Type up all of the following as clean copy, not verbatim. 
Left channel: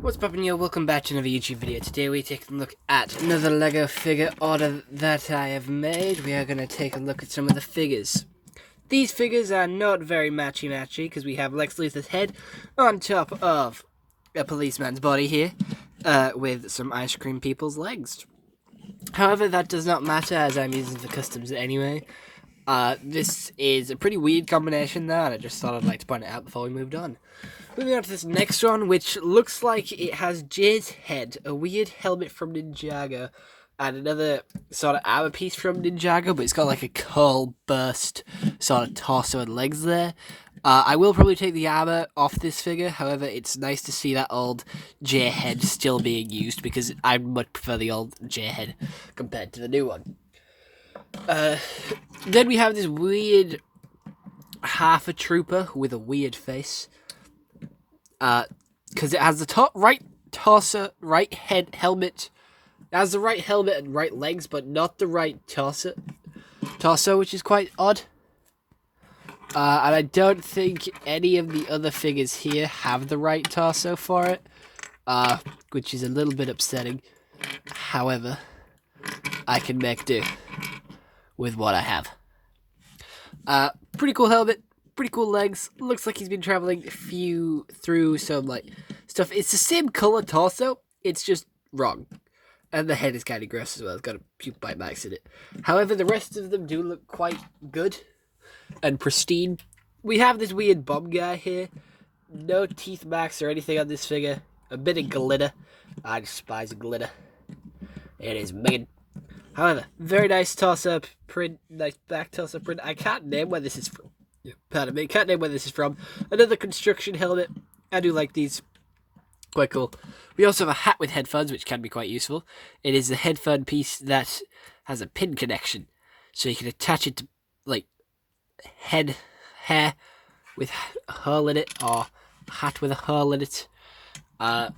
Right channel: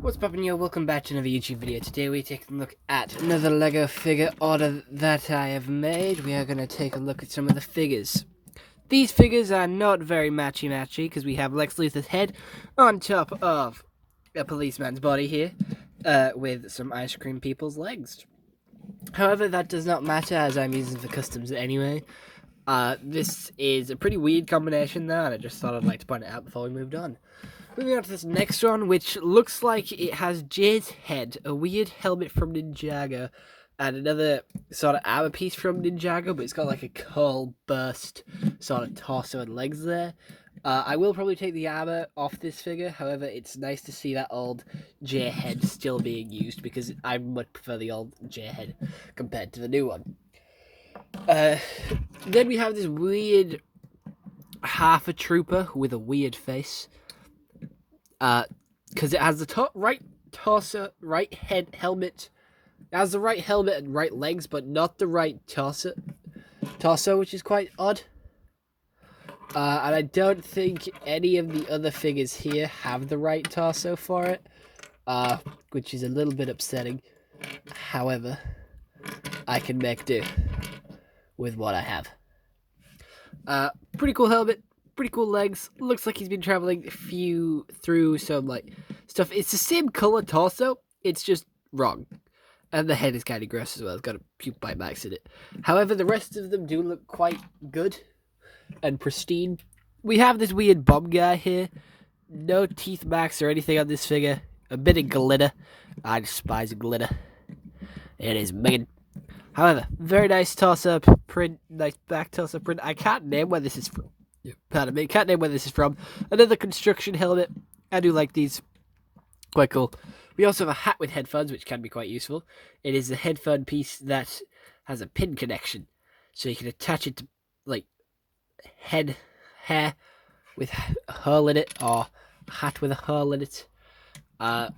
What's poppin', yo? Welcome back to another YouTube video. Today we take a look at another LEGO figure order that I have made. We are going to take a look at some of the figures. These figures are not very matchy-matchy because we have Lex Luthor's head on top of a policeman's body here with some ice cream people's legs. However, that does not matter as I'm using the customs anyway. This is a pretty weird combination though, and I just thought I'd like to point it out before we moved on. Moving on to this next one, which looks like it has Jay's head, a weird helmet from Ninjago, and another sort of armor piece from Ninjago, but it's got like a curl burst sort of torso and legs there. I will probably take the armor off this figure, however, it's nice to see that old Jay head still being used, because I much prefer the old Jay head compared to the new one. Then we have this weird half a trooper with a weird face. Because it has the right torso, right head, helmet. It has the right helmet and right legs, but not the right torso, which is quite odd. And I don't think any of the other figures here have the right torso for it, which is a little bit upsetting. However, I can make do with what I have. Pretty cool helmet. Pretty cool legs. Looks like he's been traveling through some like stuff. It's the same color torso. It's just wrong, and the head is kind of gross as well. It's got a few bite marks in it. However, the rest of them do look quite good and pristine. We have this weird bomb guy here. No teeth marks or anything on this figure. A bit of glitter. I despise glitter. It is minging. However, very nice torso print. Nice back torso print. I can't name where this is from. Pardon me, can't name where this is from. Another construction helmet. I do like these. Quite cool. We also have a hat with headphones, which can be quite useful. It is the headphone piece that has a pin connection. So you can attach it to, like, hair with a hole in it, or a hat with a hole in it. And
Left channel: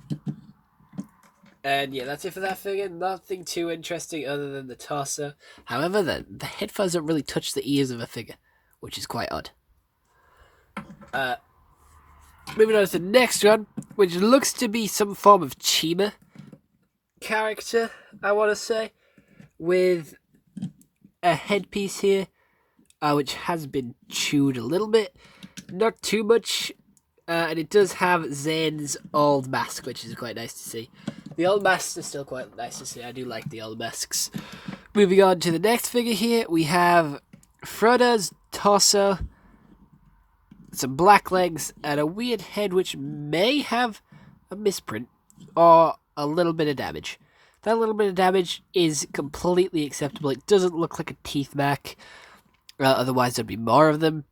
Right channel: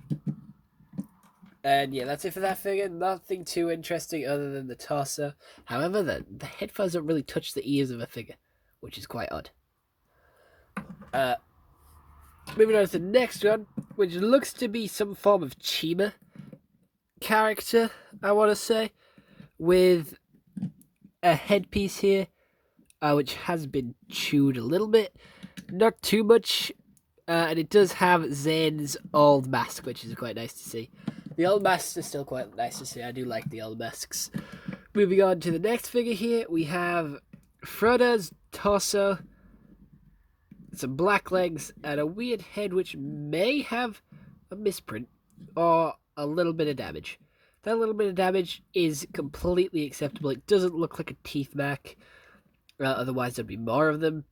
yeah, that's it for that figure. Nothing too interesting other than the torso. However, the headphones don't really touch the ears of a figure, which is quite odd. Moving on to the next one, which looks to be some form of Chima character, I want to say, with a headpiece here, which has been chewed a little bit, not too much, and it does have Zane's old mask, which is quite nice to see. The old masks are still quite nice to see. I do like the old masks. Moving on to the next figure here, we have Frodo's torso, some black legs, and a weird head which may have a misprint or a little bit of damage. That little bit of damage is completely acceptable. It doesn't look like a teeth mark. Otherwise, there'd be more of them.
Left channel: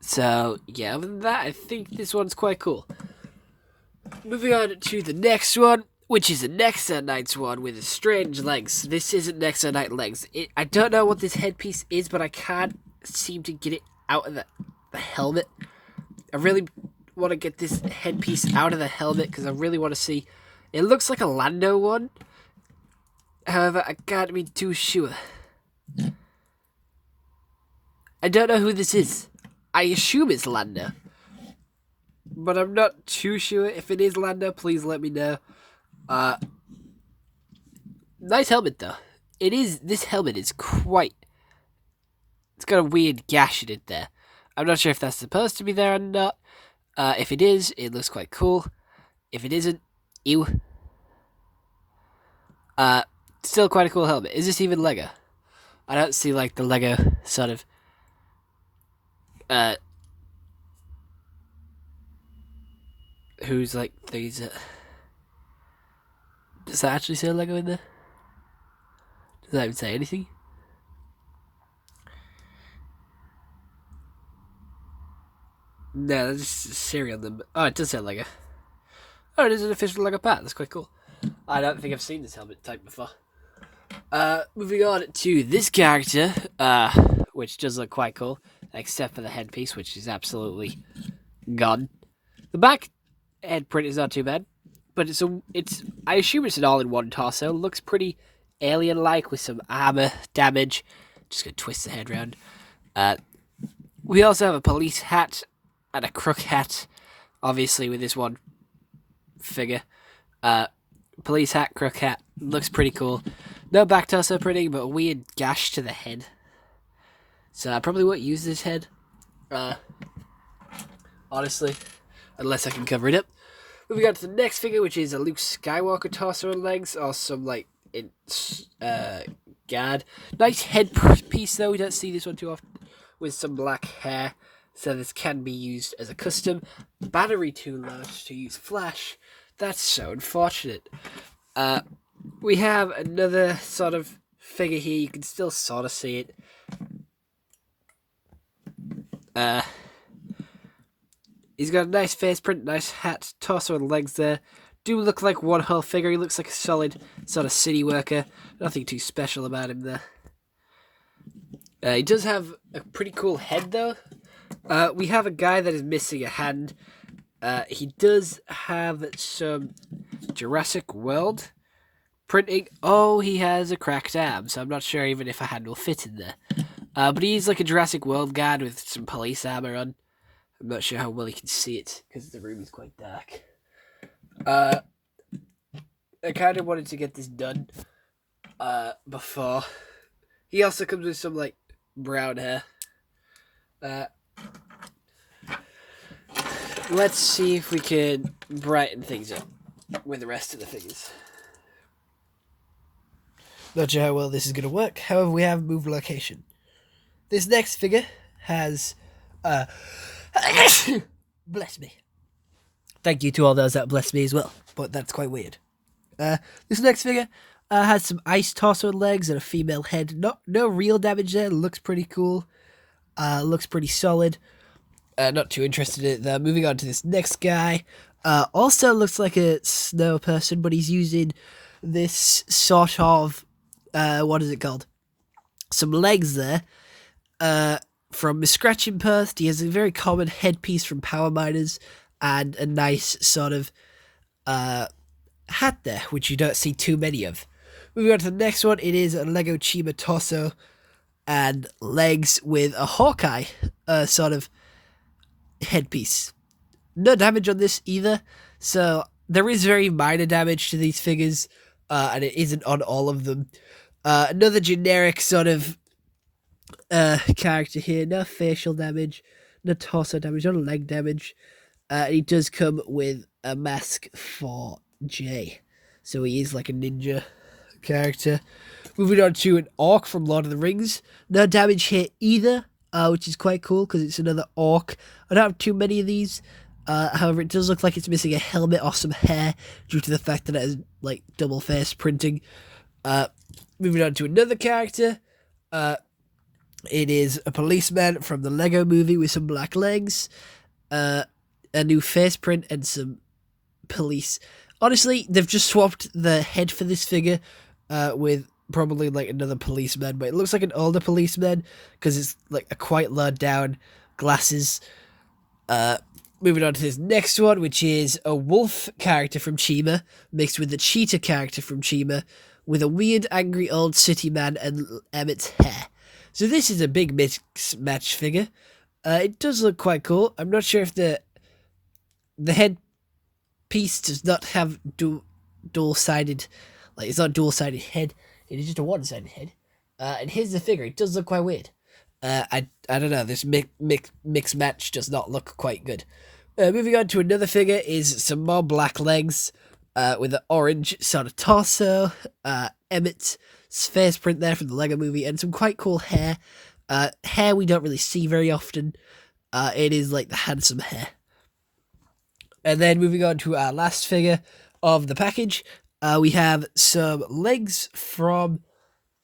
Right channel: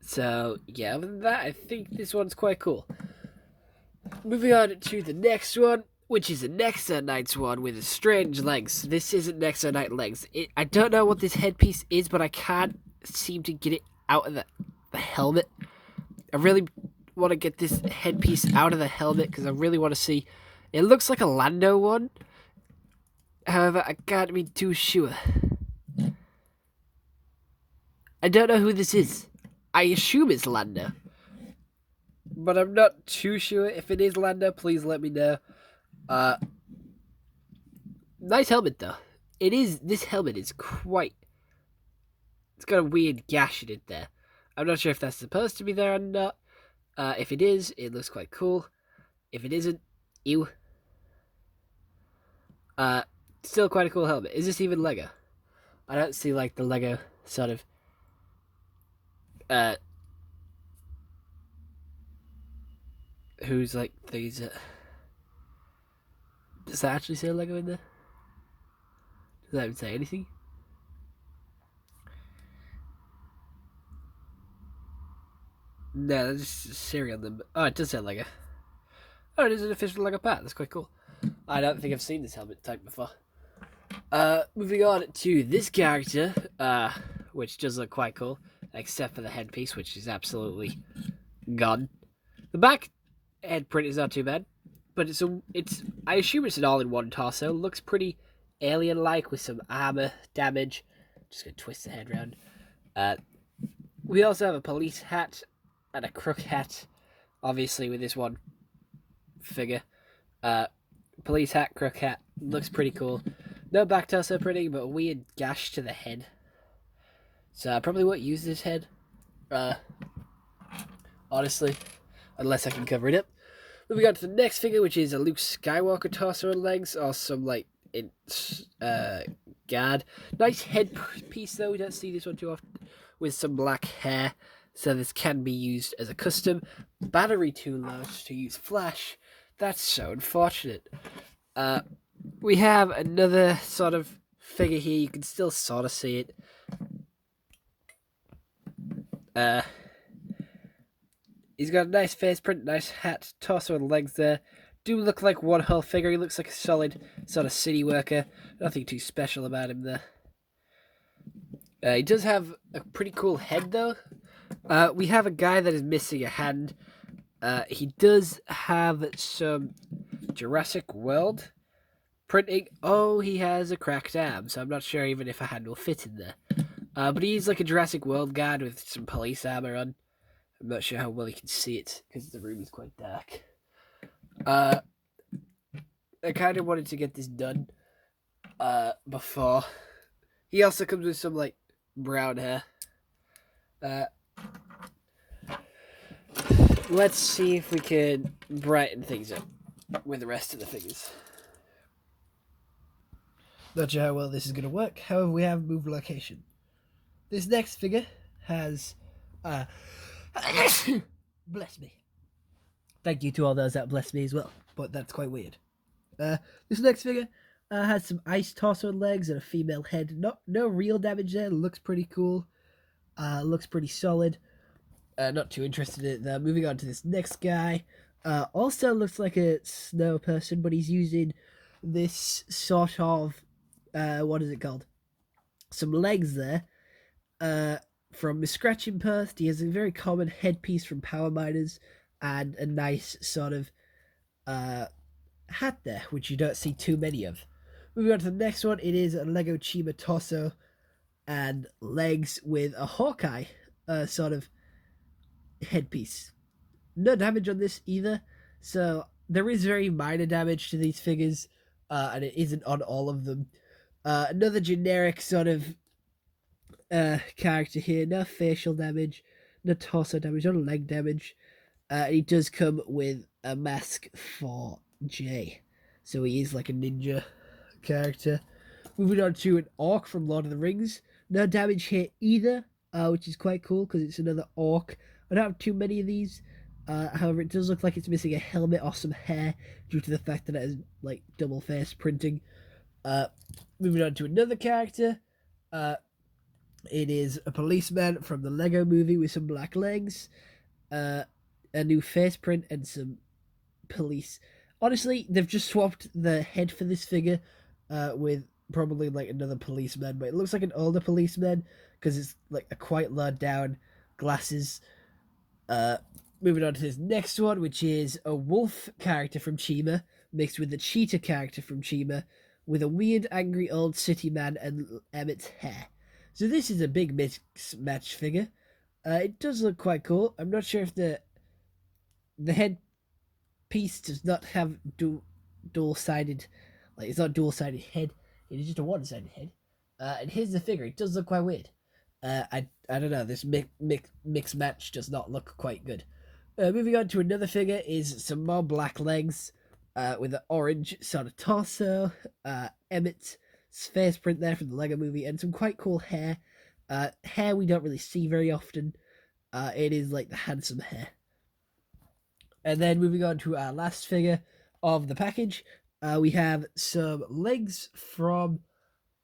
So, yeah, other than that, I think this one's quite cool. Moving on to the next one, which is a Nexa Knight's one with strange legs. This isn't Nexa Knight legs. I don't know what this headpiece is, but I can't seem to get it out of the helmet. I really want to get this headpiece out of the helmet because I really want to see. It looks like a Lando one. However, I can't be too sure. I don't know who this is. I assume it's Lando, but I'm not too sure. If it is Lando, please let me know. Nice helmet though. This helmet is quite. It's got a weird gash in it there. I'm not sure if that's supposed to be there or not. If it is, it looks quite cool. If it isn't, ew. Still quite a cool helmet. Is this even Lego? I don't see like the Lego sort of who's like these does that actually say Lego in there? Does that even say anything? No, that's just a serial number. Oh, it does say Lego. Oh, it is an official Lego part. That's quite cool. I don't think I've seen this helmet type before. Moving on to this character, which does look quite cool, except for the headpiece, which is absolutely gone. The back head print is not too bad, but I assume it's an all-in-one torso. Looks pretty alien-like with some armor damage. Just gonna twist the head around. We also have a police hat and a crook hat obviously, with this one figure. Police hat, crook hat, looks pretty cool. No back torso printing, but a weird gash to the head. So I probably won't use this head. Honestly, unless I can cover it up. Moving on to the next figure, which is a Luke Skywalker torso and legs, or some guard. Nice headpiece though. We don't see this one too often, with some black hair. So this can be used as a custom. Battery too low to use flash. That's so unfortunate. We have another sort of figure here. You can still sort of see it. He's got a nice face print, nice hat, torso and legs there. Do look like one whole figure. He looks like a solid sort of city worker. Nothing too special about him there. He does have a pretty cool head though. We have a guy that is missing a hand. He does have some Jurassic World printing. Oh, he has a cracked arm, so I'm not sure even if a hand will fit in there. But he's like a Jurassic World guard with some police armor on. I'm not sure how well you can see it because the room is quite dark. I kind of wanted to get this done before. He also comes with some like brown hair. Let's see if we can brighten things up with the rest of the figures. Not sure how well this is going to work. However, we have moved location. This next figure has... bless me. Thank you to all those that bless me as well, but that's quite weird. This next figure has some ice torso and legs and a female head. No real damage there. Looks pretty cool. Looks pretty solid. Not too interested in it though. Moving on to this next guy. Also looks like a snow person, but he's using this sort of... what is it called? Some legs there. From Miss Scratching Perth. He has a very common headpiece from Power Miners and a nice sort of hat there, which you don't see too many of. Moving on to the next one, it is a Lego Chima torso and legs with a Hawkeye sort of headpiece. No damage on this either, so there is very minor damage to these figures, and it isn't on all of them. Another generic sort of character here. No facial damage, no torso damage, no leg damage. He does come with a mask for Jay, so he is like a ninja character. Moving on to an orc from Lord of the Rings. No damage here either, which is quite cool because it's another orc. I don't have too many of these. However, it does look like it's missing a helmet or some hair due to the fact that it has like double face printing. Moving on to another character. It is a policeman from the Lego movie with some black legs, a new face print, and some police. Honestly, they've just swapped the head for this figure with probably like another policeman, but it looks like an older policeman because it's like a quite low down, glasses. Moving on to this next one, which is a wolf character from Chima mixed with the cheetah character from Chima with a weird angry old city man and Emmett's hair. So this is a big mix match figure. It does look quite cool. I'm not sure if the head piece does not have dual-sided, like it's not a dual-sided head. It is just a one-sided head. And here's the figure. It does look quite weird. I don't know. This mix match does not look quite good. Moving on to another figure is some more black legs with an orange sort of torso. Emmett's face print there from the Lego movie and some quite cool hair. Hair we don't really see very often. It is like the handsome hair. And then moving on to our last figure of the package, we have some legs from,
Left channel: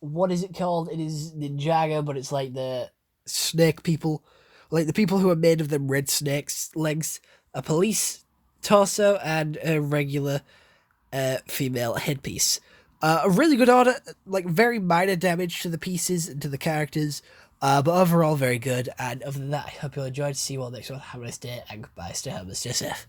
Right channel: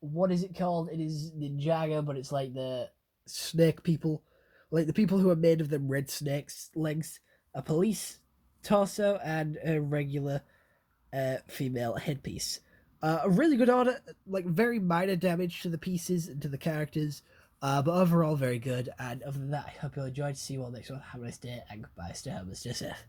what is it called? It is Ninjago, but it's like the snake people, like the people who are made of them red snakes legs, a police torso, and a regular female headpiece. A really good order, like very minor damage to the pieces and to the characters, but overall very good. And other than that, I hope you all enjoyed. See you all next one. Have a nice day and goodbye. Stay home and stay safe.